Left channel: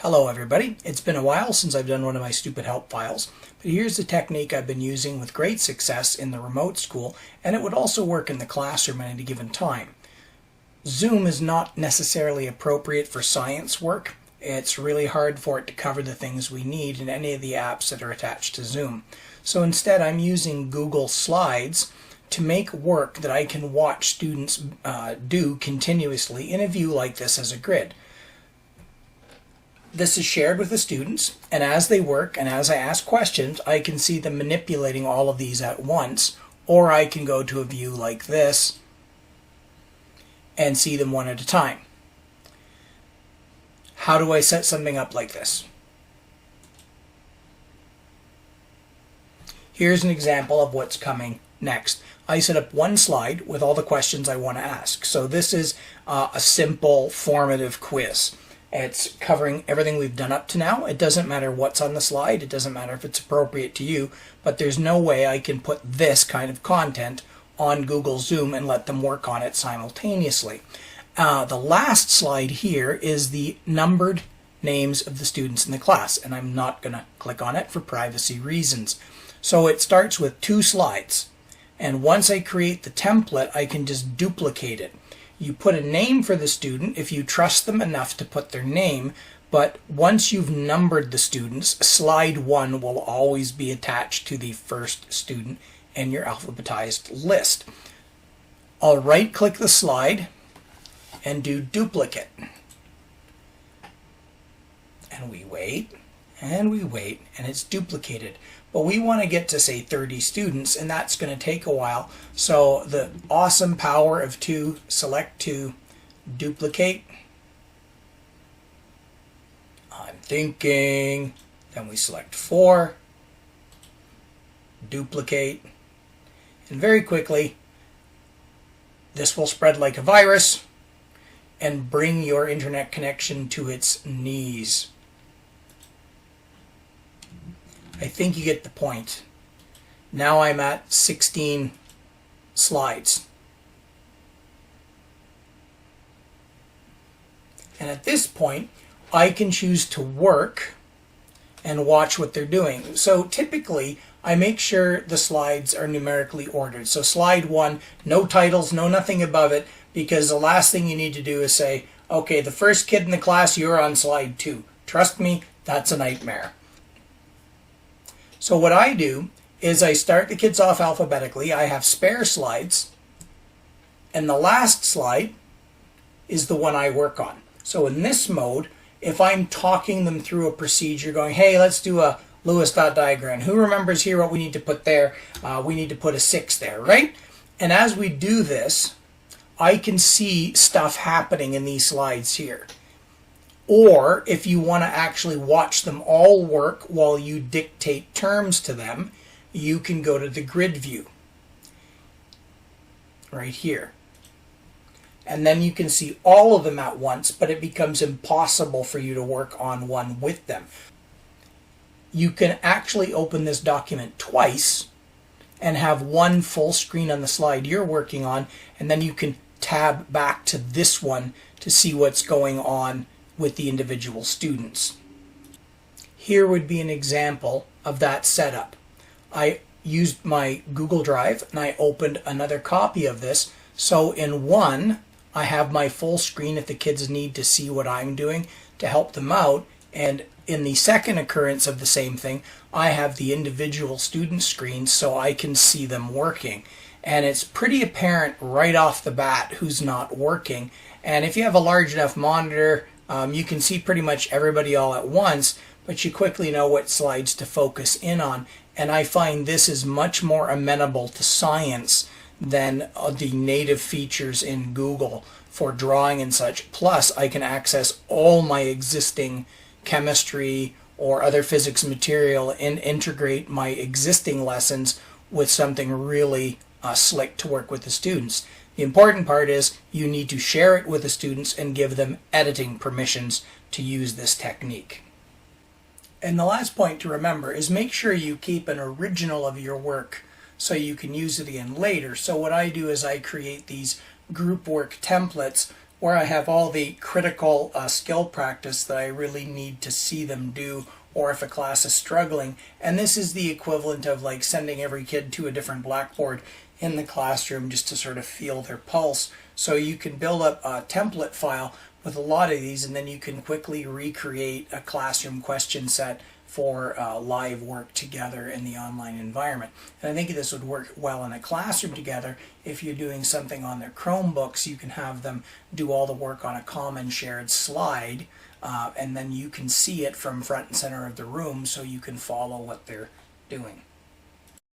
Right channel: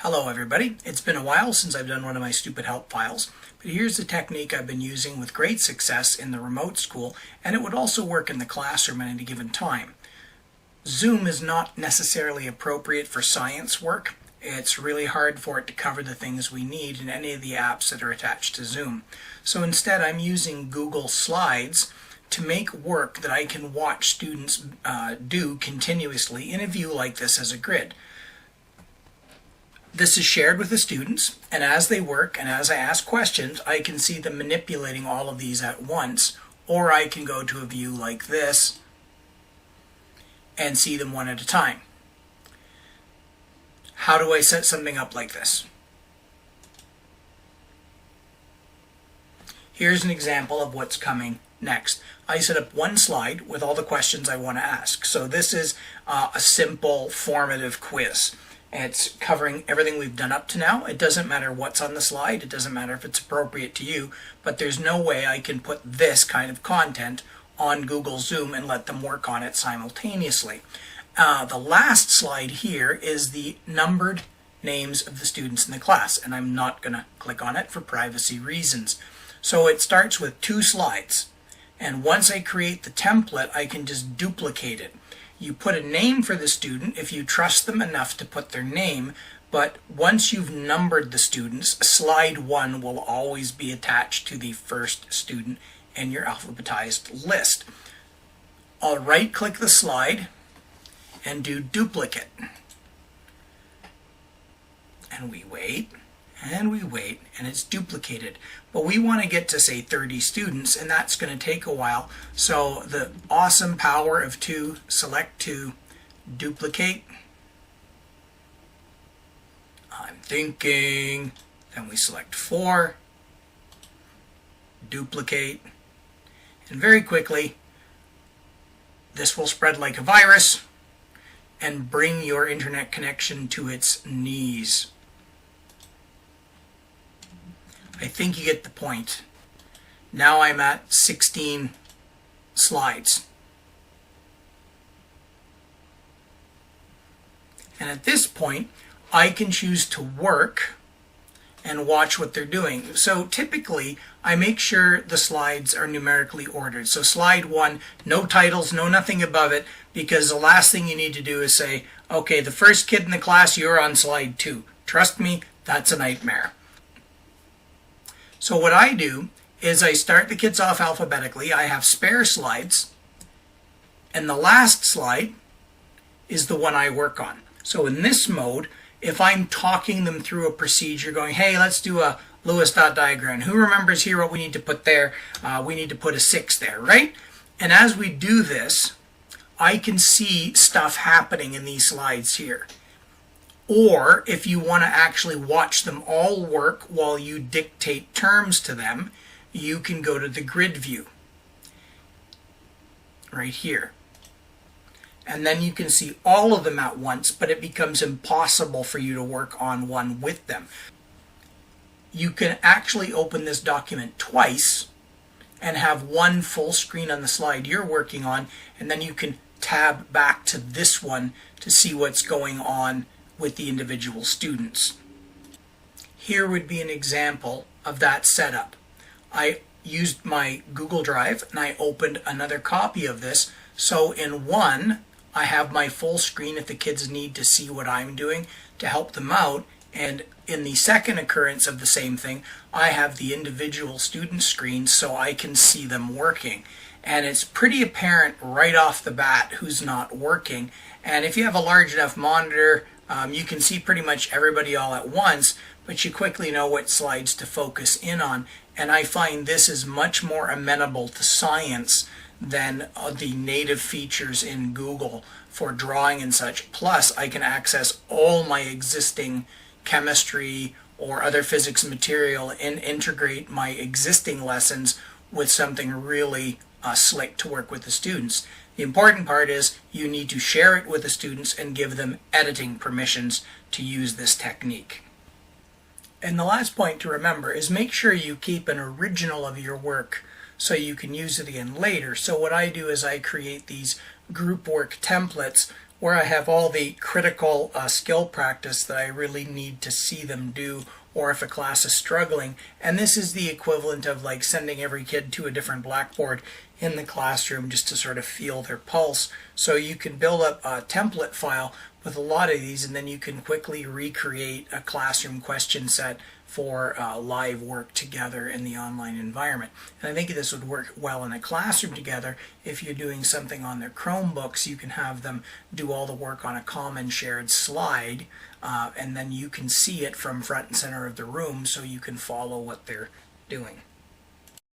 Hello everybody, it's been a while since I've done one of my stupid help files, but here's the technique I've been using with great success in the remote school, and it would also work in the classroom at any given time. Zoom is not necessarily appropriate for science work. It's really hard for it to cover the things we need in any of the apps that are attached to Zoom. So instead I'm using Google Slides to make work that I can watch students do continuously in a view like this as a grid. This is shared with the students, and as they work and as I ask questions, I can see them manipulating all of these at once, or I can go to a view like this and see them one at a time. How do I set something up like this? Here's an example of what's coming next. I set up one slide with all the questions I want to ask. So this is a simple formative quiz. It's covering everything we've done up to now. It doesn't matter what's on the slide. It doesn't matter if it's appropriate to you, but there's no way I can put this kind of content on Google Zoom and let them work on it simultaneously. The last slide here is the numbered names of the students in the class, and I'm not going to click on it for privacy reasons. So it starts with two slides, and once I create the template, I can just duplicate it. You put a name for the student if you trust them enough to put their name, but once you've numbered the students, slide 1 will always be attached to the first student in your alphabetized list. I'll right-click the slide and do duplicate. And we wait, and we wait, and it's duplicated. But we want to get to, say, 30 students, and that's going to take a while. So the awesome power of 2, select 2, duplicate. I'm thinking. Then we select 4, duplicate. And very quickly, this will spread like a virus and bring your internet connection to its knees. I think you get the point. Now I'm at 16 slides. And at this point, I can choose to work and watch what they're doing. So typically, I make sure the slides are numerically ordered. So slide 1, no titles, no nothing above it, because the last thing you need to do is say, okay, the first kid in the class, you're on slide 2. Trust me, that's a nightmare. So what I do is I start the kids off alphabetically. I have spare slides, and the last slide is the one I work on. So in this mode, if I'm talking them through a procedure going, hey, let's do a Lewis dot diagram. Who remembers here what we need to put there? We need to put a 6 there, right? And as we do this, I can see stuff happening in these slides here. Or if you want to actually watch them all work while you dictate terms to them, you can go to the grid view right here. And then you can see all of them at once, but it becomes impossible for you to work on one with them. You can actually open this document twice and have one full screen on the slide you're working on, and then you can tab back to this one to see what's going on with the individual students. Here would be an example of that setup. I used my Google Drive and I opened another copy of this. So in one, I have my full screen if the kids need to see what I'm doing to help them out. And in the second occurrence of the same thing, I have the individual student screens so I can see them working. And it's pretty apparent right off the bat who's not working. And if you have a large enough monitor, you can see pretty much everybody all at once, but you quickly know what slides to focus in on. And I find this is much more amenable to science than the native features in Google for drawing and such. Plus, I can access all my existing chemistry or other physics material and integrate my existing lessons with something really slick to work with the students. The important part is you need to share it with the students and give them editing permissions to use this technique. And the last point to remember is make sure you keep an original of your work so you can use it again later. So what I do is I create these group work templates where I have all the critical skill practice that I really need to see them do, or if a class is struggling. And this is the equivalent of like sending every kid to a different blackboard in the classroom just to sort of feel their pulse. So you can build up a template file with a lot of these, and then you can quickly recreate a classroom question set for live work together in the online environment. And I think this would work well in a classroom together. If you're doing something on their Chromebooks, you can have them do all the work on a common shared slide, and then you can see it from front and center of the room so you can follow what they're doing.